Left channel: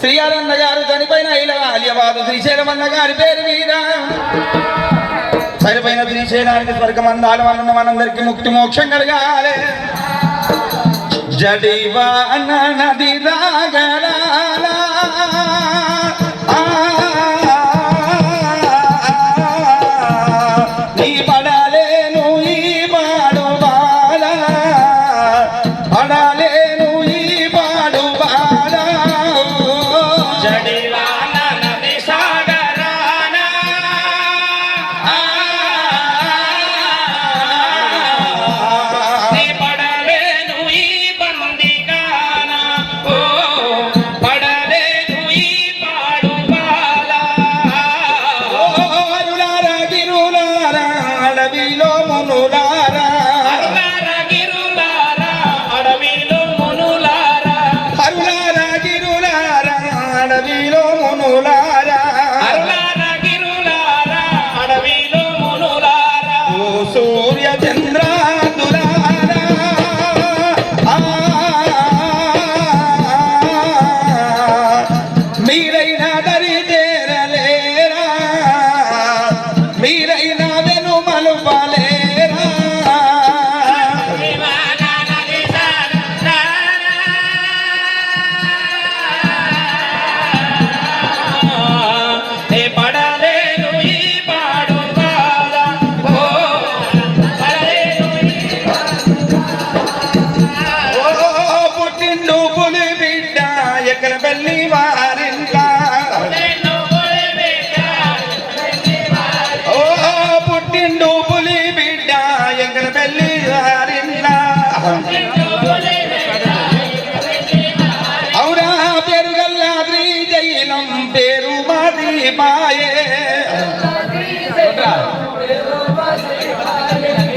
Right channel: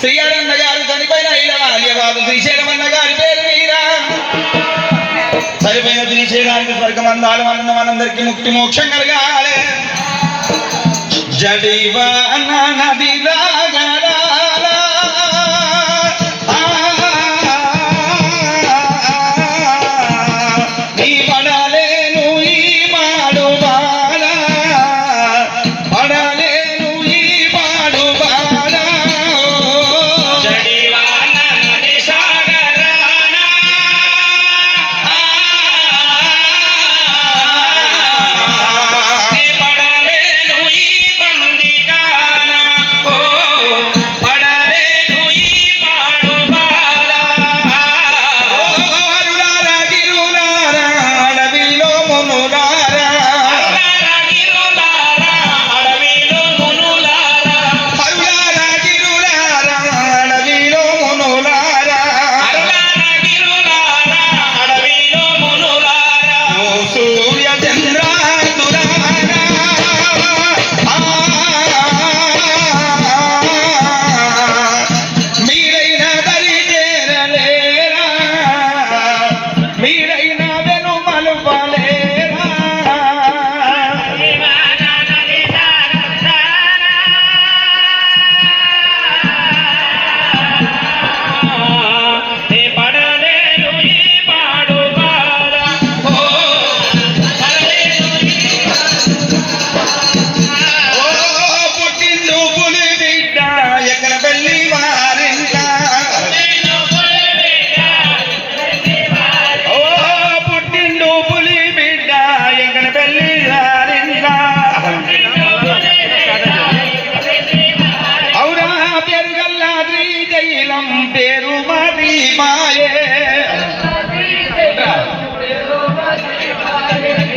శ్రీయారన్న గారు చనిపోయిన ఇలవాల్యవాదు శ్రీశైలమన్న గారి పేరు మీద. చనిపోయిన శ్రీశైలానికి స్వర్గం అందాలు అన్న మనందరికి ముక్తి మోక్షం కలగాలి. జడివా నది రాగా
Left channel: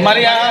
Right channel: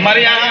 Maria